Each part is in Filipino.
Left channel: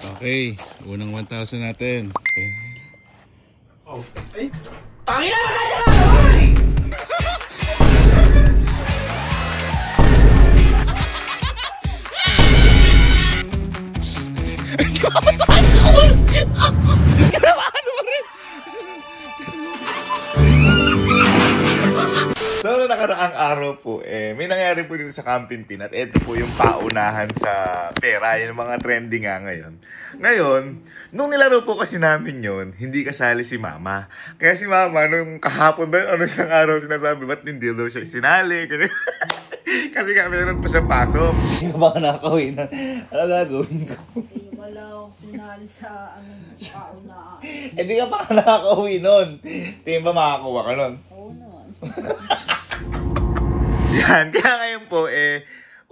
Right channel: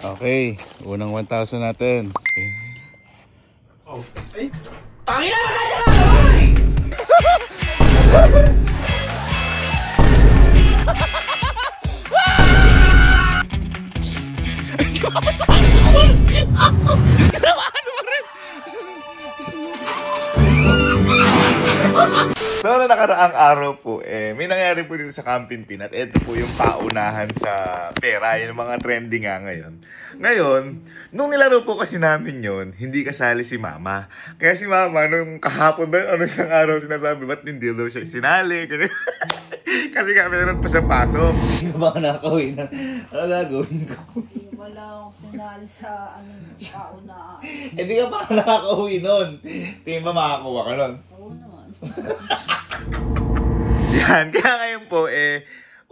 Okay, unang 1,000 natin. Okay. Oh. Ay! Tangina! Magkaya ka! Oy! So, na nakaraang araw po, may nangyari po dito sa Camping Pin at ito po yung paunahan sa pera, yung mga trending nga ngayon. Ngayon, nung nilaro po kasi namin yun, hindi kasali si Mama. Kaya si Mama, nung kahapon ba, isang araw sinasabi, ba't hindi daw siya sinali? Kasi nga meron pa siyang pasok. Hindi ka ba nakakawin na? Ano gagawin ko? Hindi wala ako sinali sa paunahan. Hindi ka pa nakakauwi nun. Tingin ba makakuha ka nun? Oo naman. Yan, kaya ngayon po,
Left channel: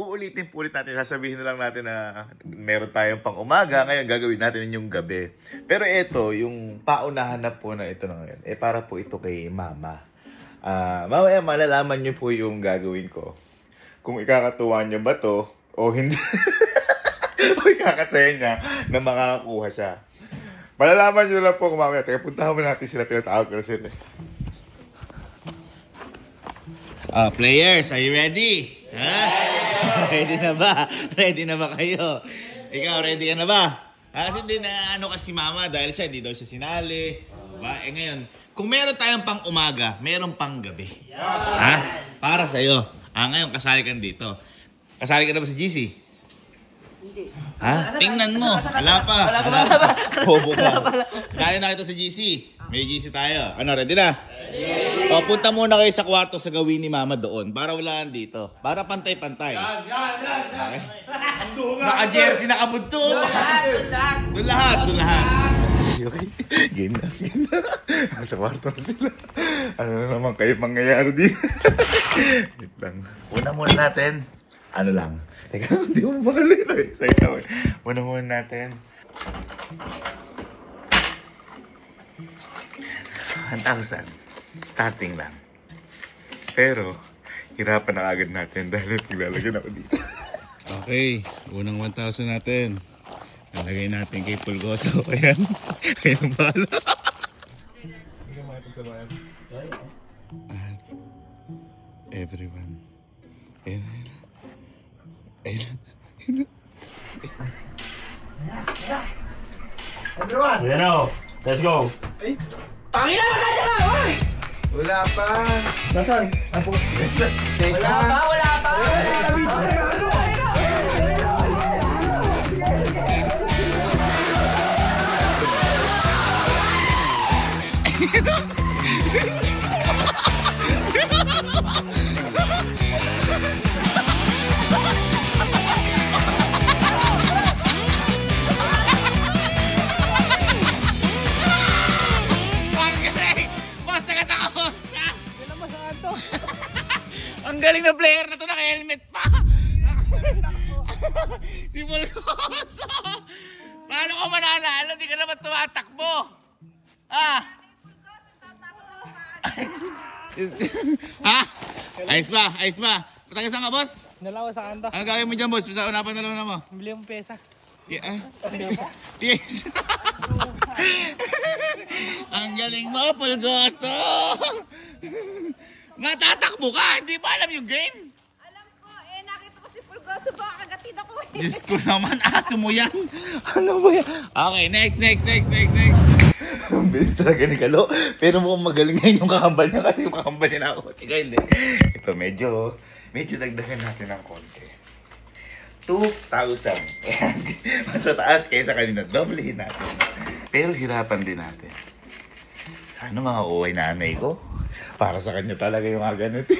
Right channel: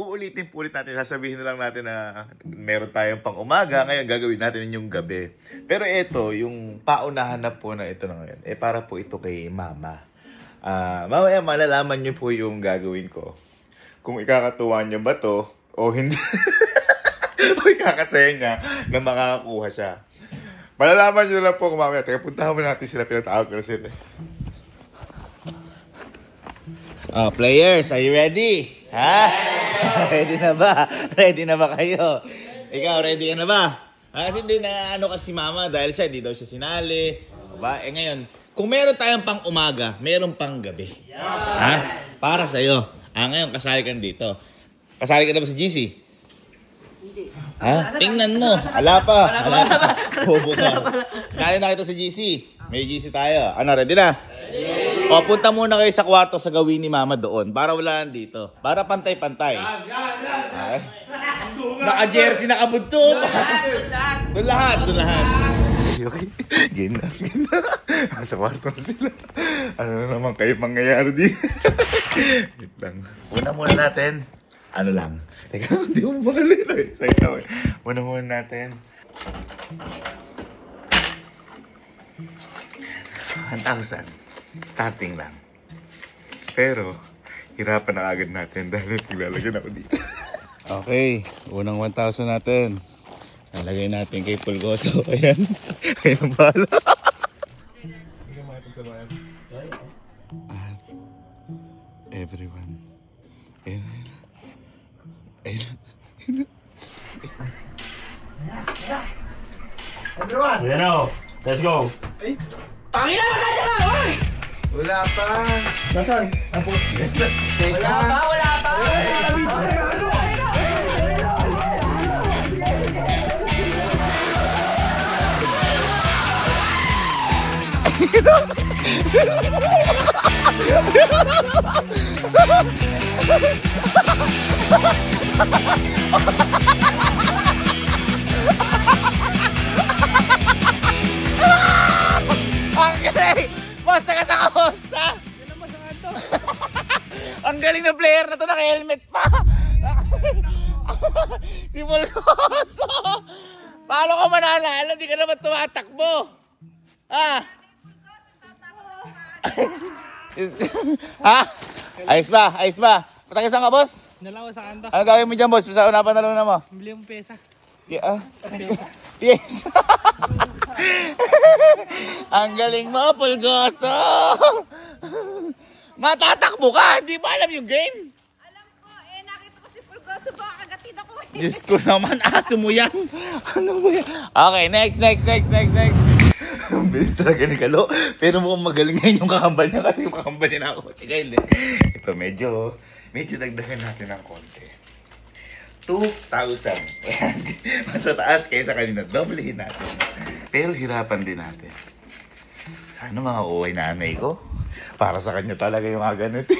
uulitin po ulit natin. Sasabihin na lang natin na meron tayong pang umaga. Ngayon, gagawin natin yung gabi. Pero ito, yung paunahan na po na ito na ngayon, para po ito kay Mama. Mamaya malalaman niyo po yung gagawin ko. Kung ikakatuwa niya ba to, o hindi. O ikakasaya niya na makakakuha siya. Malalaman niyo lang po kung mamaya. Teka, puntahan mo natin sila. Pinatawag ko sila. Players, are you ready? Ha? Ready na ba? Ready na ba kayo? Ikaw, ready ka na ba? Kasi hindi na ano kasi Mama dahil siya, hindi daw siya sinali. Diba? Ngayon, kung meron tayong pang umaga, meron pang gabi. Ha? Para sa'yo. Ngayon, kasali ka dito. Kasali ka na ba sa GC? Hindi. Ha? Tingnan mo. Wala pa. Bobo ka. Kaya na kita sa GC. May GC tayo. Ano, ready na? Ready! O, punta muna kayo sa kwarto sa gawin ni Mama doon. Para wala dito. Para pantay-pantay. Okay? Naka-jersey, naka-buntot. Doon lahat. Okay, game na. Sa kwarto na sila. Ano na naman kayo mangyayari din? Wait lang. Una muna natin. Ano lang. Teka, hindi mo makalina eh. Sige, una muna natin. 1,000. Starting lang. Pero, hirapan na agad natin dahil naglalagyan ako dito. Okay, unang 1,000 natin. Nalagay natin kay Pulgoso. Ayan. Ayan bala. Everyone. Ayan. Everyone! Bueno, let's go! Ay! Tangina! Magkaya ka! Oy! Wala pa. Nasaan? Wala pa. Basta ka sa kahosta! Yan ang masangan to! Ang galing na player na to, naka-helmet pa! Si Pulgoso! Paano ka mananalo? Di ka naman tumatakbo! Ha? Ha? Ayos ba? Patagisan ka, boss? Nalawa sa kanta. Ano gawin mo dyan, boss? Basta unapan na lang na mo. Bili mong pesa. Yeah. Yes. Ang galing mo, Pulgoso. Matatakbo ka, hindi ba alam yung game? Alam ko, nakita ko si Pulgoso ba kagatin ako eh. Diyos ko naman, aso mo yan. Ano ba yan? Okay, next. Ang bilis talaga ni Kalo. Pero mukhang magaling ngayon yung kakambal niya kasi yung kakambal niya na ako. Sige, hindi. Ito, medyo dagdagan natin ng konti. 2,000. Mas mataas kaysa kanina. Doblehin natin. Pero hirapan din natin. Sana mga uway nanay ko. Para sa kanya talaga yung ganito.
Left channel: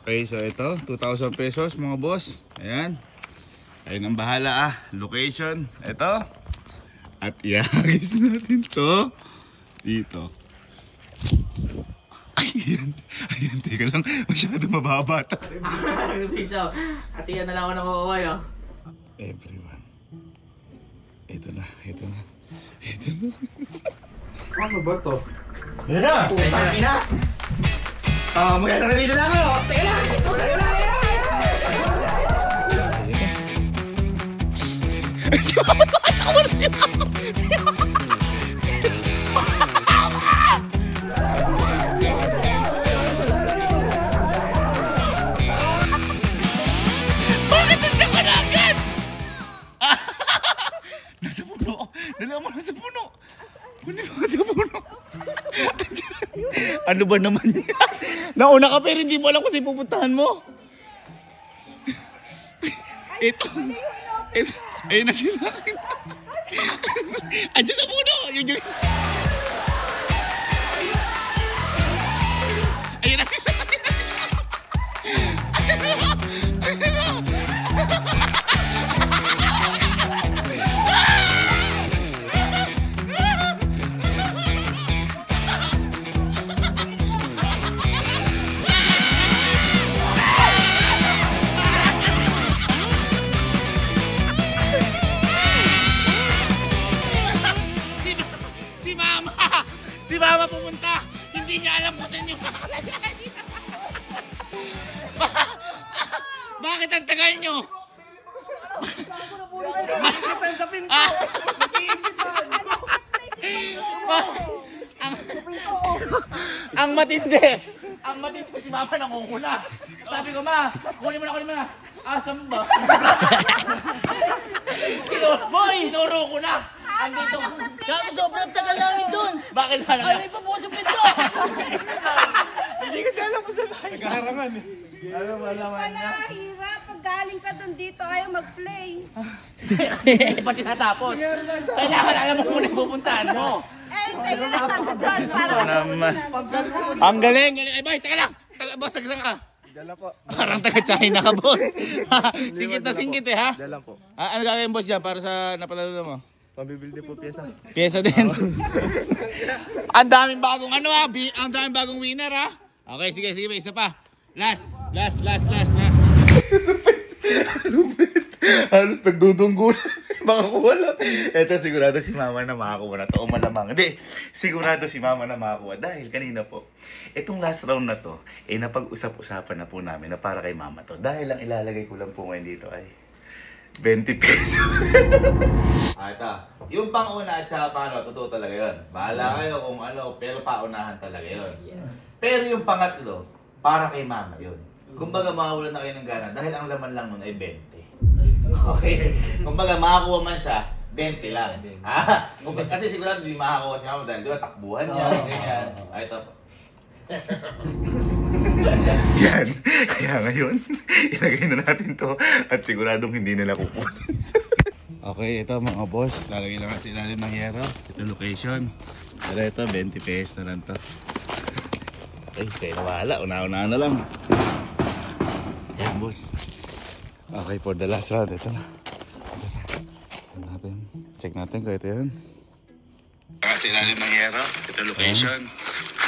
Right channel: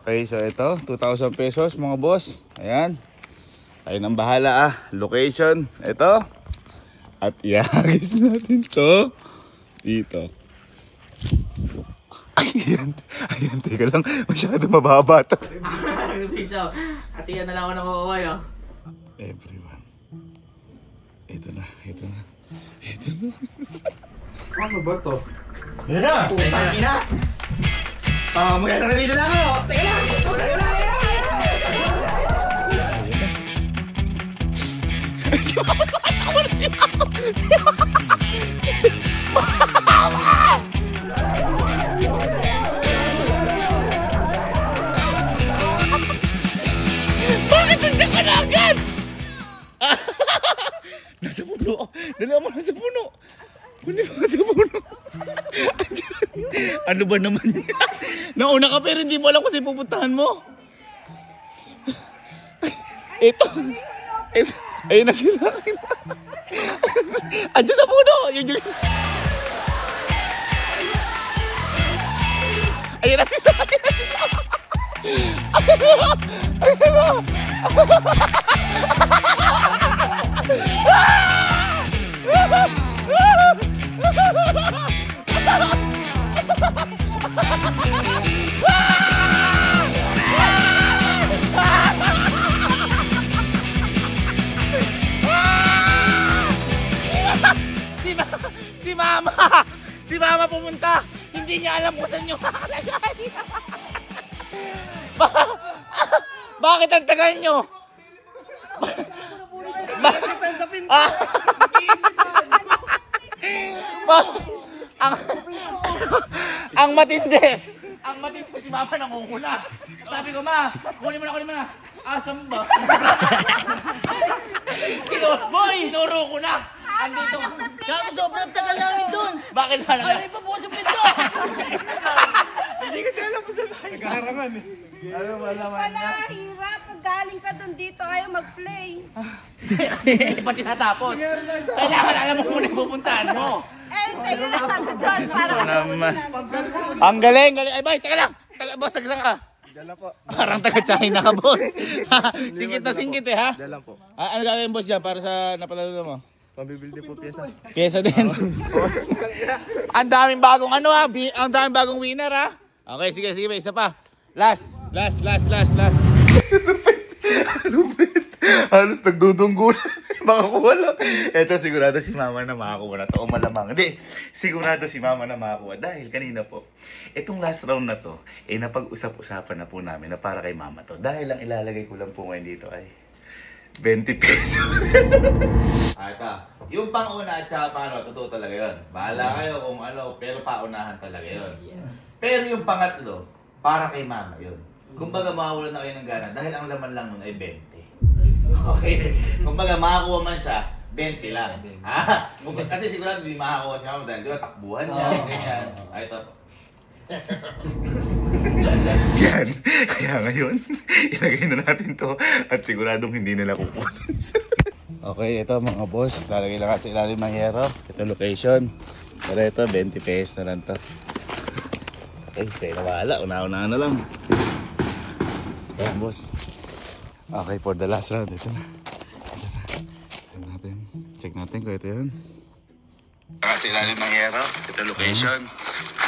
Okay, so ito. 2,000 pesos mga boss. Ayan. Tayo nang bahala Location. Ito. At ihagis natin to dito. Ayan, teka lang. Masyado mababa to. Atiyan na lang ako ng kukuhay, oh. Everyone. Ito na. Ano ba to? Yan na! Putang ina! Maganda na dito na ako! Teka lang! Si Mama, tumatakbo na si Mama! Si Mama! Bakit nandiyan ka na agad? Nasa puno. Dala mo nasa puno. Kunin mo nasa puno. Ano ba naman yan? Nauna ka pero hindi mo alam kung saan pupuntahan mo. Ito. Ayun na sila. Andiyan sa puno. Ayun na sila. Ayun na sila. Ayun na. Si Mama pumunta. Hindi niya alam kung saan yung makalagay. Bakit ang tagal nyo? Bakit sa pinto? Ang matindi. Ang matindi si Mama nangunguna. Sabi ko, Ma, kunin mo na. Asam ba? Tinuro ko na. Andito. Gago, sobrang tagal namin doon. Bakit na lang? Ay, pabukas yung pinto. Hindi kasi alam mo sa tayo. Nagharangan eh. Ano ba naman niya? Hirap. Pag galing ka doon dito, ayaw mag-play. Hindi pa tinatapos. Kailangan alam mo kung pupuntahan mo. Tayo na ano doon. Ang galing. Ay, bay, teka lang. Boss, taga ka? Dala po. Parang taga-China ka, boss. Singkit na singkit eh, ha? Dala po. Ano gagawin, boss, dyan para sa napalalo mo? Pambibilde po pyesa. Pyesa din. Ang daming bagong ano ha, ang daming bagong winner ha. Okay, sige, isa pa. Last. Lupit. Halos nagdudunggo na. Makakuha lang. Eto, sigurado si Mama na makakuha na to. O malamang. Hindi, sigurado si Mama na makakuha. Dahil kanina po, itong last round na to, napag-usap-usapan na po namin na para kay Mama to. Dahil ang ilalagay ko lang po ngayon dito ay 20 pesos. Ito, yung pang-una at saka paano, totoo talaga yun. Bahala kayo kung ano, pero paunahan talaga yun. Pero yung pangatlo, para kay Mama yun. Kumbaga makawalan na kayo ng gana dahil ang laman lang nun ay 20. Okay? Kumbaga makakuha man siya, 20 lang. Ha? Kasi sigurado hindi makakuha si Mama dahil di ba takbuhan niya, ganyan. Ito. Yan. Kaya ngayon, ilagay na natin to at siguradong hindi nila kukunin. Okay, ito mga boss. Lalagay lang sa ilalim ng hero. Ito location. Pero ito, 20 pesos na lang to. Okay, tayo na wala. Una-una na lang. Ayan, boss. Okay, for the last round. Ito na. Check natin kung ito yun. Sa ilalim ng hero. Ito location.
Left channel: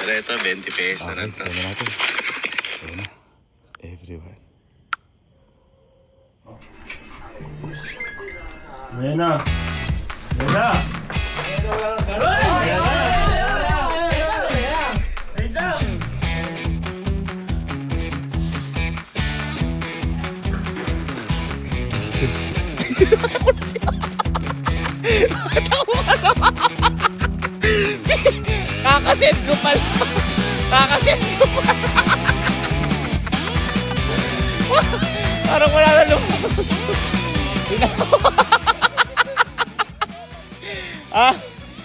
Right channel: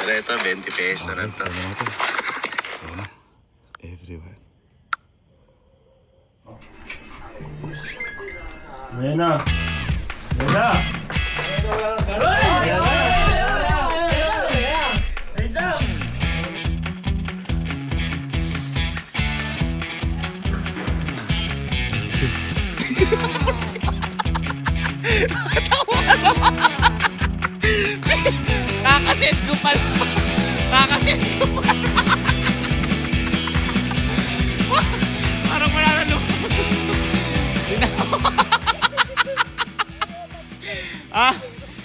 Pero ito, 20 pesos na lang to. Okay, natin. Ito na. Everyone. Ayan na. Kakasend ko pala. Parang wala na lumabas.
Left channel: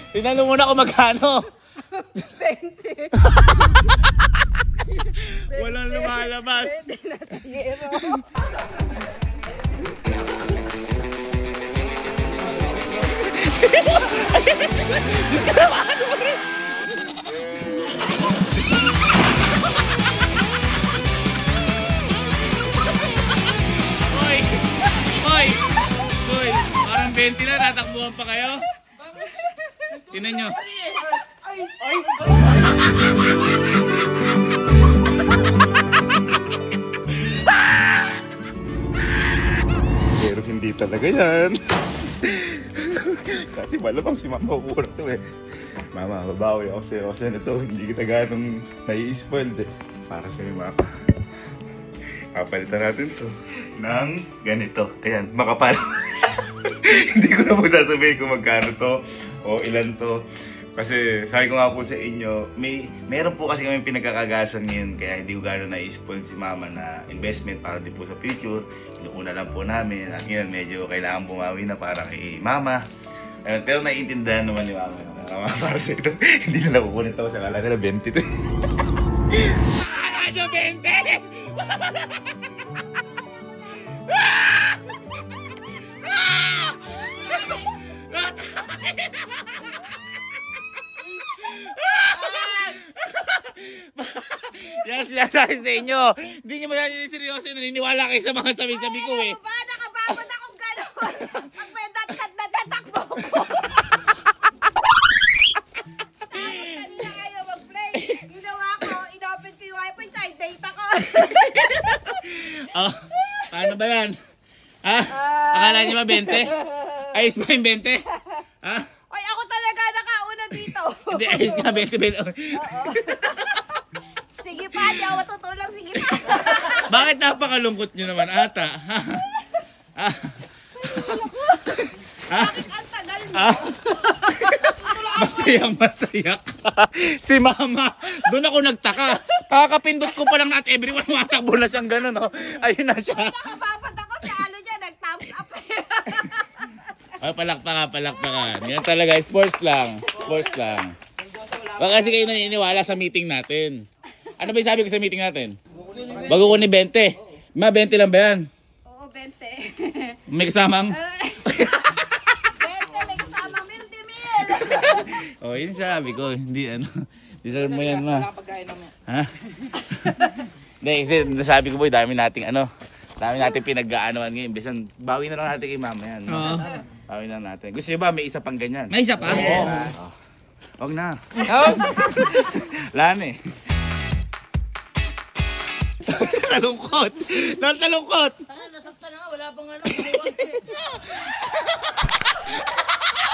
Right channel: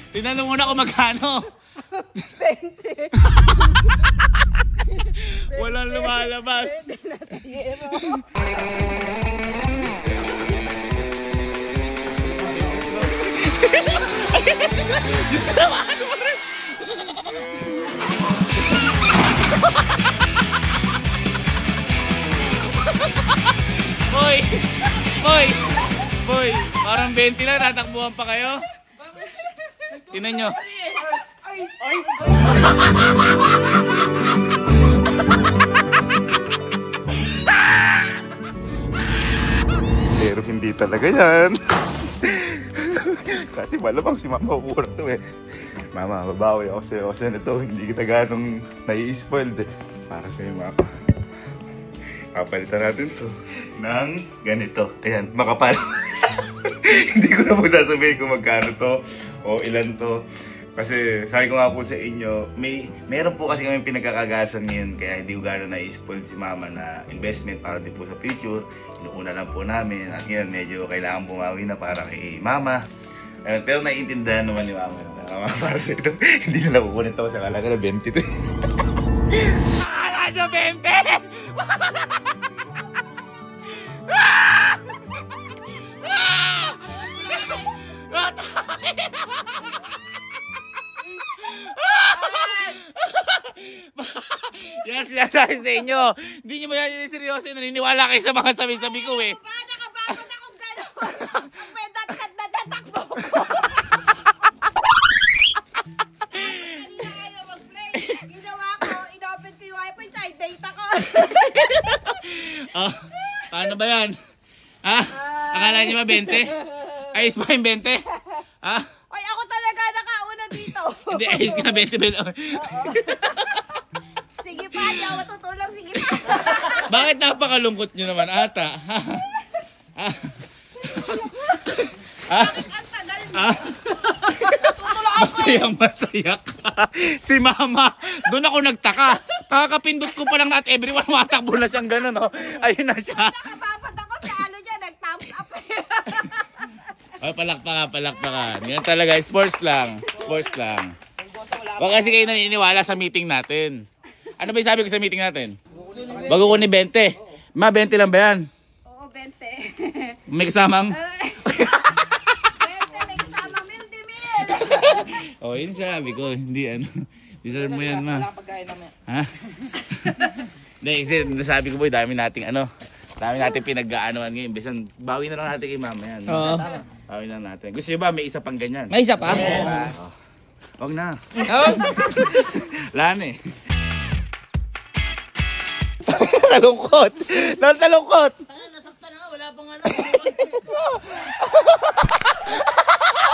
Tinanong muna kung magkano. 20. Walang lumalabas. Nasa hero. Hoy, parang 20 lang, tatakbuhan pa kayo. Tingnan nyo. Pero hindi talaga yan. Kasi malamang si Mama kukuha to eh. Mama, babawi ako sa'yo kasi nito, hindi kita ganong nai-spoiled eh. Para sa'yo, Mama. Kapalitan natin to ng ganito. Ayan, makapal. Hindi ko na po sasabihin kung magkano to o ilan to. Kasi sabi ko nga po sa inyo, meron po kasi kami pinagkakagasan ngayon kaya hindi ko gano'n na-spoil si mama na investment para din po sa future. Inuuna lang po namin at ngayon medyo kailangan bumawi na para kay mama. Ayun, pero naiintindihan naman ni mama na para sa ito, hindi na nakukunin ito sa kalaga na 20 to. Ano, 20? Yan sinasabi sa inyo. Hindi nyo masyadong seryoso. Naniniwala kayo sa mga sabi-sabi ko eh. Ba, nakababot akong gano'n. Ang may dat-dat na tatakbo ko. Kanina kayo mag-play. Ginawa ko, inopen ko yung wifi, tsaka yung data ko. Oh, paano ba yan? Ha? Akala nyo ba 20? Ayos ba yung 20? Ha? Ay, ako talaga nakauna dito. Hindi, ayos nga 20. Oo. Sige pa, di ako matutulog. Sige pa. Bakit napakalungkot nyo naman ata? Bakit ang tagal niyo? Masaya ka. Si mama, doon ako nagtaka. Kakapindot ko pa lang at everyone matakbo na siyang gano'n. Oh. Ayun na siya. Nakababat ako sa ano niya, nag-thumbs up eh. Ay, palakpakan. Yan talaga, sports lang. Sports lang. Baka kasi kayo naniniwala sa meeting natin. Ano ba yung sabi ko sa meeting natin? Bago ko ni 20. Ma, 20 lang ba yan? Oo, 20. May kasamang? 20, may kasama mil-di-mil. Oh, yun sabi ko. Hindi ano. Deserve mo yan, ma. Wala pagkain namin. Ha? Hindi, kasi nasabi ko boy, dami nating pinag-aanoan ngayon. Bisan, bawi na lang natin kay mama yan. Oo. Bawi na natin. Gusto nyo ba may isa pang ganyan? May isa pa? Huwag na. Oh. Wala na eh. Nalungkot. Nalungkot. Nasaktan na nga, wala pang ano.